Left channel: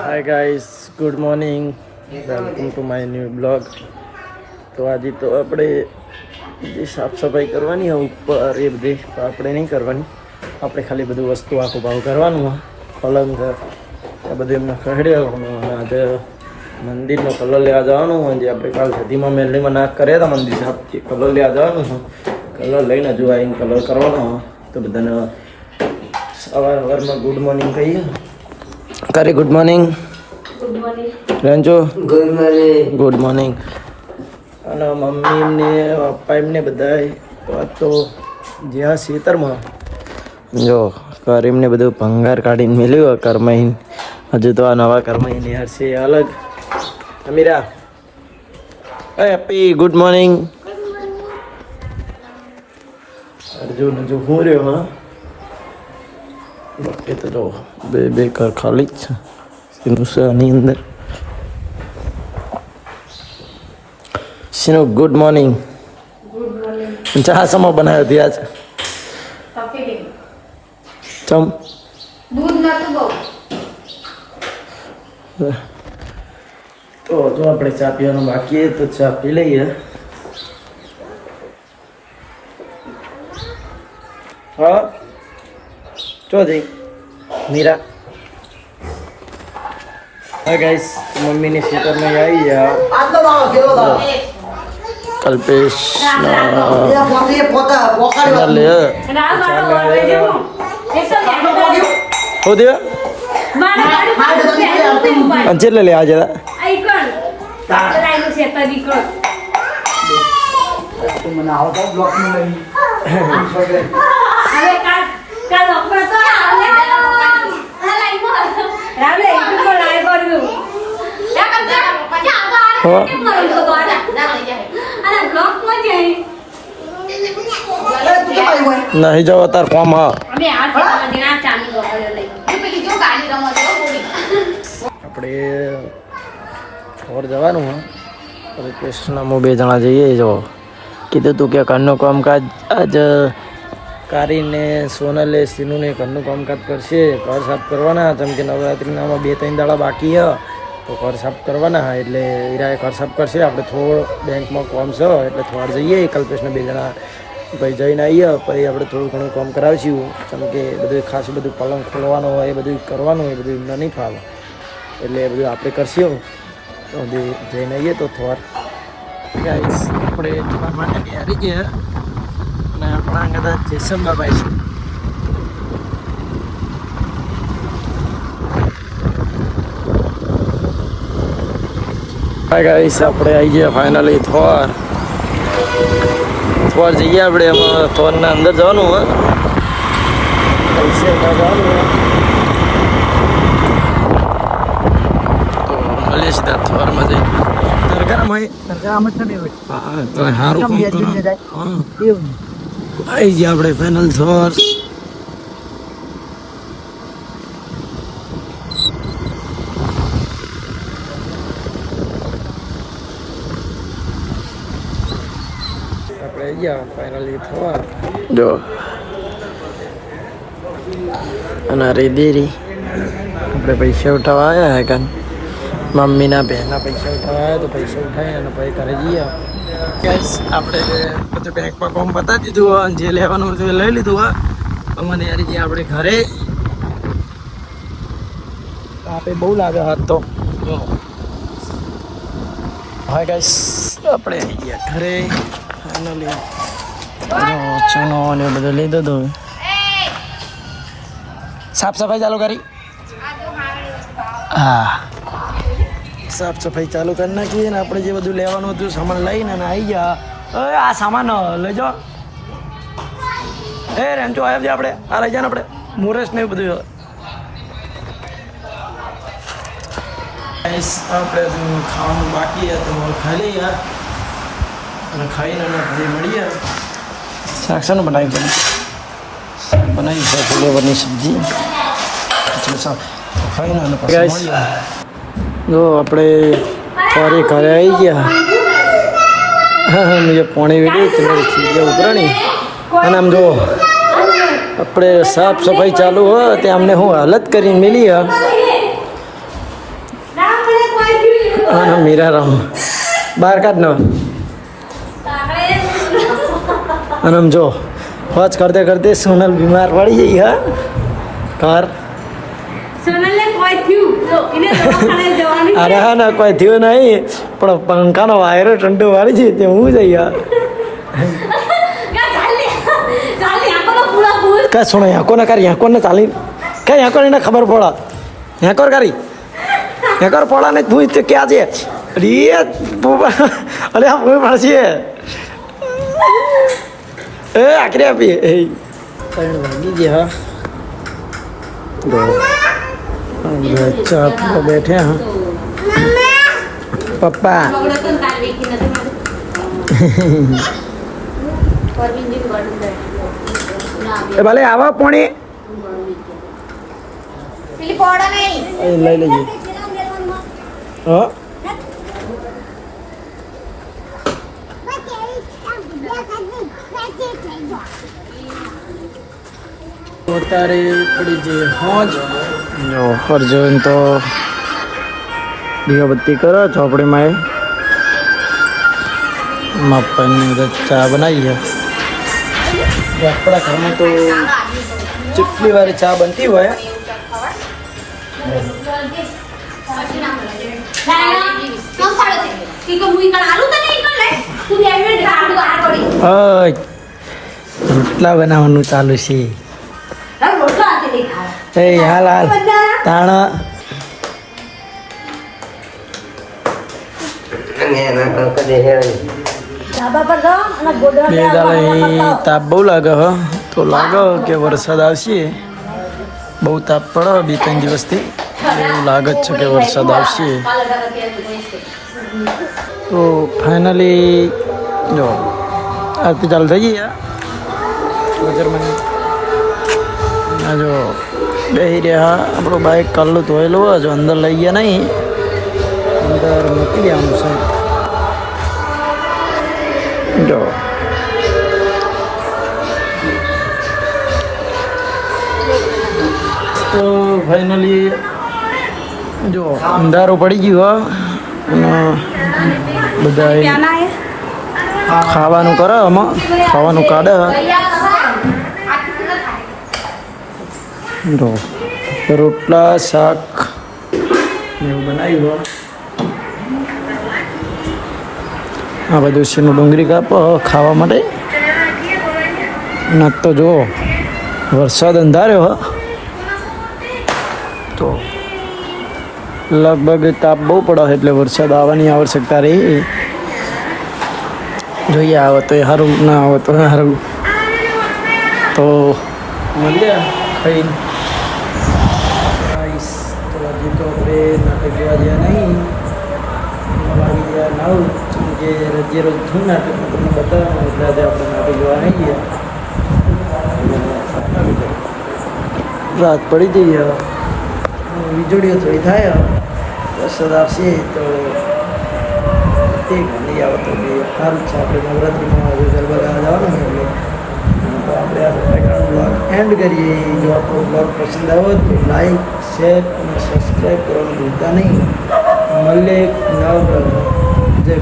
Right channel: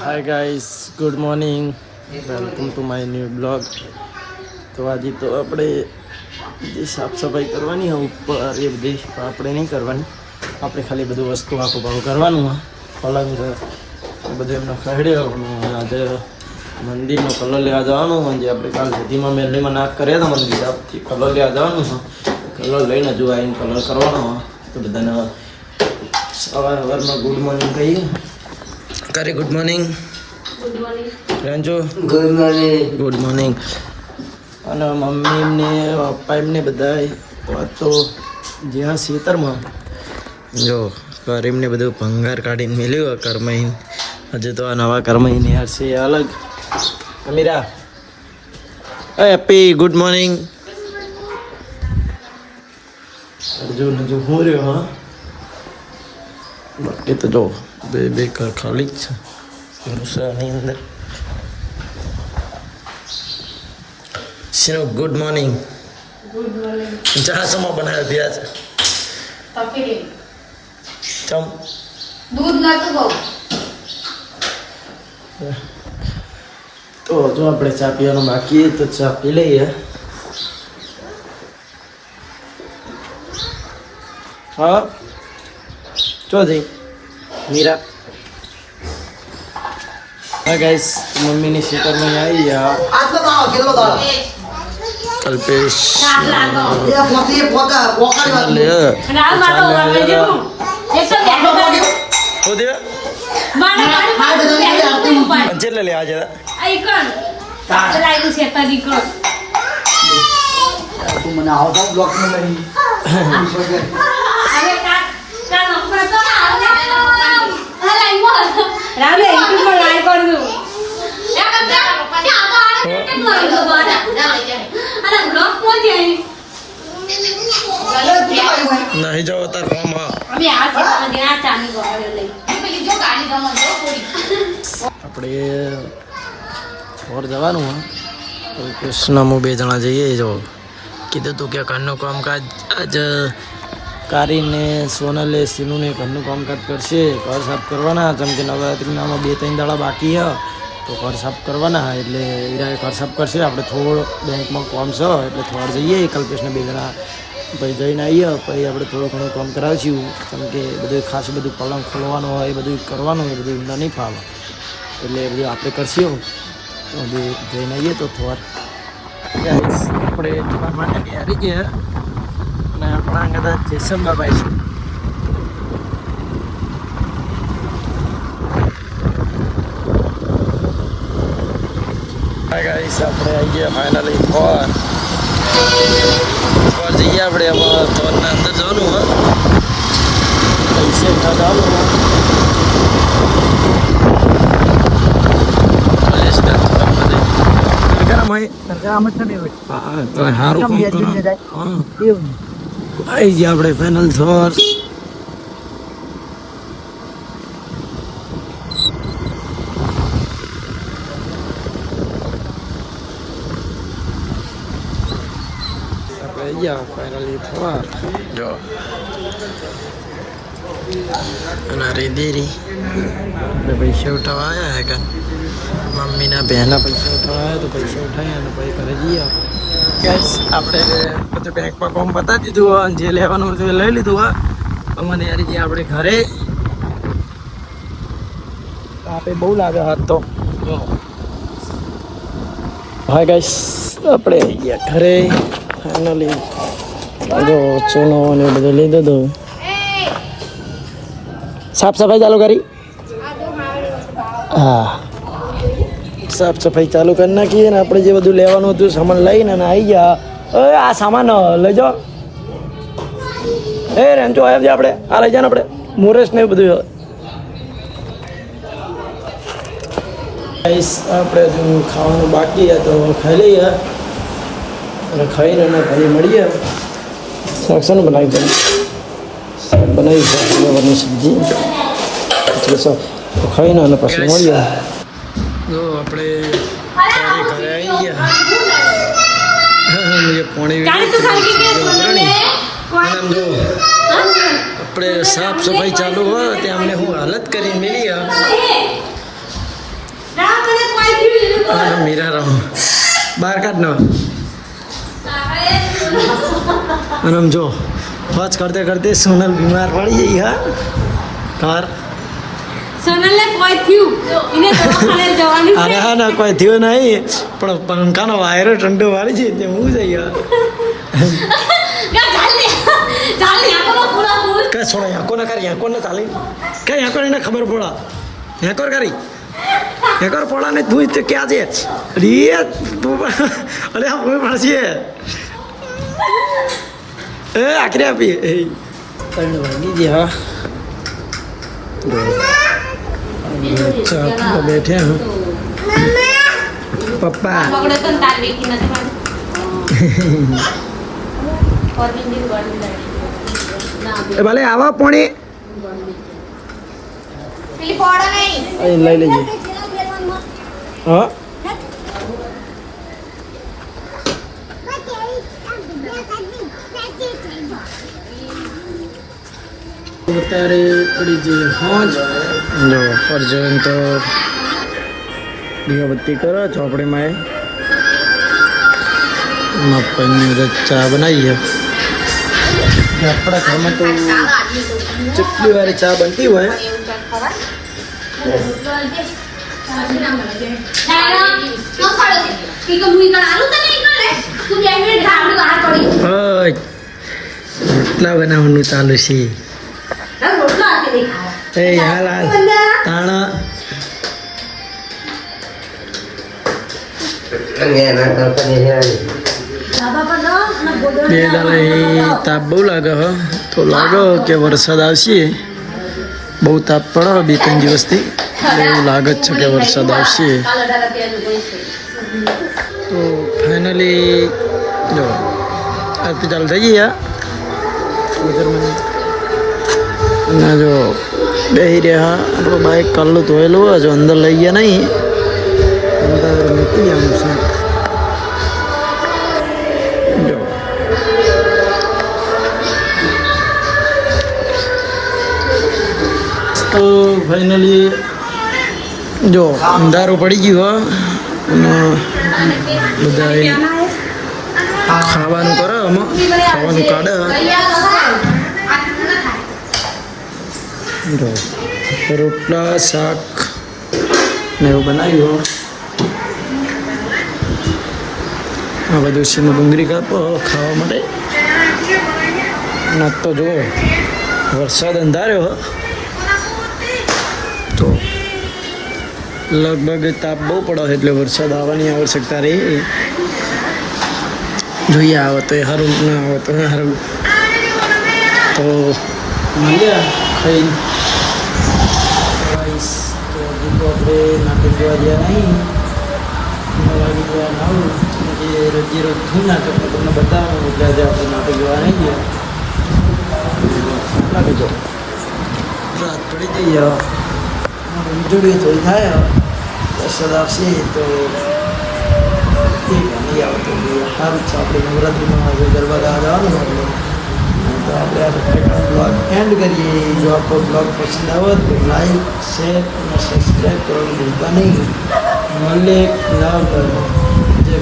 Hi guys, good morning, welcome to my new blog. તો આજે તો આપણે જે સાફ સફાઈ કરવાની હોય ઉપર એ બધી આપણે નહીં કરવાની. આપણે ખાલી બધું વસ્તુ આખું ભાવ કરવાનું હોય. પલંગ એ બધું એમને ખરડી આવવાનું. અને આજે મંદિરનો કલર લેવા જવાનું હોય. જે આપણે કાલ સદીમાં મેલીમાં નાક કર્યા હતા મંદિર સાફથી કલર લેવા જવાનું હોય. કલર લઈને હજુ આવીને કલર કરવાનો હોય. તો બધાને સવારમાં ગુડ મોર્નિંગ કહીએ. તારી good morning. Ranju good morning. Good morning. અને મમ્મી એમને પપ્પા એમને બધા તો જ્યાં ખેતરમાં જો કરીમને બધું ભંગાર કાઢીને મેળ્યું કરમાઈને. હજુ તો આ નવા કરમાઈને હશે અલગ. અમીરા હેપી ગુડ મોર્નિંગ. અર્જુન હજુ હું રહ્યો. હા બાકી તો જો બે કર ખાલી જ છે આની અંદર. શીનો ગુડ મોર્નિંગ. ચા સમો બનાવ્યો ત્યાં છે ચમ દૂધ નતું બહુ. તો જો આપણે ચા પીવાનું બાકી તો ચા પી લઈએ. હા ચો જઈ મીરા. હા ગાઈસ, મમ્મીની સીટરમાં આવી ગયા. કલ્પેશ લે આજે નહીં જાવ તાર કોમ. હા આપણે ફોર જવાનું હા. કૃષ્ણમાં બે જણા જઈએ. જો કીધું તું કે ઘરનું કામકાજ આજ કારીને સોનલે સીનુને ઘરનું કામકાજ કરશે. ઘર સાફ કરવાના જેમ કે નવરાત્રિનામાં 2-3 દાડા બાકી હ તો ઘર સાફ કરવાના. એટલે હીરાએ ઘર સાફ કરશે. આપણે થોડો બેંકમાં કામ છે એટલે થોડા જઈએ. કલ્પેશને 2 જણા પછી જઈને આવીએ. પછી આપણે થોડું ઘણું કામ કરાવીશું. કેમ કે બધું ખાસ બધું પલંગ ખોલવાનું હોય એ બધું કરવાનું હોય. બધું એમને નહીં ફાવે એટલે એ બધું આપણે કરશું. તો જઈને આવીએ તો થોર ગાઈસ આપણે જવા માટે તૈયારી છે. અને આપણા કદાચ જેસમભાઈ છે. હાય ગાઈસ, આપણે આવી ગયા ફાઇનલી થોર જઈએ. આપણે થોરના અંદર જવાનું હોય. પૈસે જવાનું હોય. ગરમ હોય ગરમ જ નહીં હોય. હા તો સારું આવી ગયા આપણે ફાઇનલ થોર. આપણે ગયા ફાઇનલી થોર. જો અને રેદેરી આપણે પૈસા ઉઠાવવા આવ્યા હે કાન. મમ્મીના બહેનો પૈસા ઉઠાવવા આવ્યા તો પૈસા ઉઠાવી અને પછી ઘરે જઈએ. ગાઈસ આપણે બધું બેંકમાં કામ બતાવી દીધું હોય. જે લેવાનું હતું એ લઈ લીધું હોય. અમને યાર જે આપણે ઘરે આપે બહુ લાગે હાથ તો. હા ગાઈસ, આપણે આવી ગયા ઘરે ફાઇનલી. જો ચૂનો ને બધું લઈ દીધું. સાફ સફાઈ ચાલુ કરી. હા સાફ સફાઈ ચાલુ કરી નાખીએ. ને આપણે જે બધું લેવાનું હતું સામાન લઈને આવી ગયા. આ સામાન લઈ જાઓ. રેન્ચો આવ્યા છે આપણે. આ લઈ જાય ને આપણે મુરસ ને એવું બધું. આપણે હજુ ખાવાનું બાકી છે તો ખાઈ લઈએ. અને ખાઈને અમે ઘરે મળીએ. શાક શાનું બનાવી દઈએ. શાક બનાવી છે ફ્લેવરની સબ્જી. તો ખાઈને અને પછી મળીએ. જો આપણે ફરી ઘરે આવી ગયા. मुझे पौने वीडियो उतरणी અને આમ જો આપણે સાફ સફાઈ ચાલુ હોય તે અમને હું હાલત કરીને મિલી આનો મીરારામ બહાર કાઢ નો અને આમ જો હોજ કરતે કરતે સોનલ બીમાર પડી ગઈ હા કાર સોનલને કોઈ થયું એને દવાખાને જવાની અરે હા ના કોઈ થયું નહીં પણ પંખાનો વાયરો ઠંડો વાળી છે તે હું જઈ યાર ચાલે આપણો પૂરા ફૂલ કાંઈ સુનો યાકો ને કરી યાકો ને ચાલી કાંઈ યાકો એને ખબર પડા યાકોર કરી યાકોર પડા ને તું તે ક્યાં છે અરે અરે આ કોઈ મળશે એ આખરી આપી એ પણ વાગી ગયા હા अच्छा आप लोग बैठे हैं पप्पा બગડે તો તાર વેકી નથી મારી પરમિંદિન ગોડી ए भले आवा पोणी પેલી પોડા નહીં લઈ લેજે હા ઉતારે પડી જઈએ હોજ જો ફરજન તો દીવાબત્તી કરો ચોપડીમાં એ માપની બધા ચા બનાવી છે આપણા ઘરમાં તો જેટલી વાર ચા બનતી હોય રોટલા બનાવવાનું ચાલુ છે એ હાલ હાલ તાણા બે દાડા તાપ બહુ લાગે હ તો લાગે કે વરસાદ આવશે બહુ તાપ પડે બે ત્રણ દિવસથી એટલે એવું લાગે જ છે કે વરસાદ આવશે તો ફાઇનલી જો આરતી ચાલુ થઈ ગઈ બજારમાં ના જો બેસી રહ્યા આપણું બાઇક કાઢલું ધોયેલું હોય જો અંદર લઈ ગયા નહીં અંદર મૂકી આવું છે જો તો ફાઇનલી જો અંધારું પડી ગયું અને બધા ખાવાનું કરે આમાં ખાવાનું કાઢે રોટલા શાક ને એવું બનાવ્યું આ બધું છે ડુંગળી કાપો ખાવા માટે ને તો જુઓ વરસાદ અંધાર્યો તો લગભગ તાપ બહુ પડે એટલે વરસાદ આવવાની આવશ્યકતા રહી જોઈએ આવે તો એ સારું ના આવે તો સારું તો મળ્યા ખાઈને તો હજી તો આપણે નાટક જોવા ગયા નહીં વાગી ગયા નવ કે રજીએ રોજ થયું નાટક તમને બતાવવાનું એટલે આજે આપણે નાટક જોવા નહીં ગયા બીજો રાત પડી જઈએ વીજળીઓ થોડી થાય વરસાદ આવશે તો તે નહીં આવે તો સારું છે આપણે નવરાત્રિમાં આજે ગરબા ગાવા જવાનું એટલે તો આપણે આ પ્રકારનો બ્લોગ એન્ડ કરીએ જો આપણો બ્લોગ પસંદ આવે તો લાઈક શેર અને સબસ્ક્રાઈબ કરવાનું ભૂલતા નહીં મળે એક નવ જય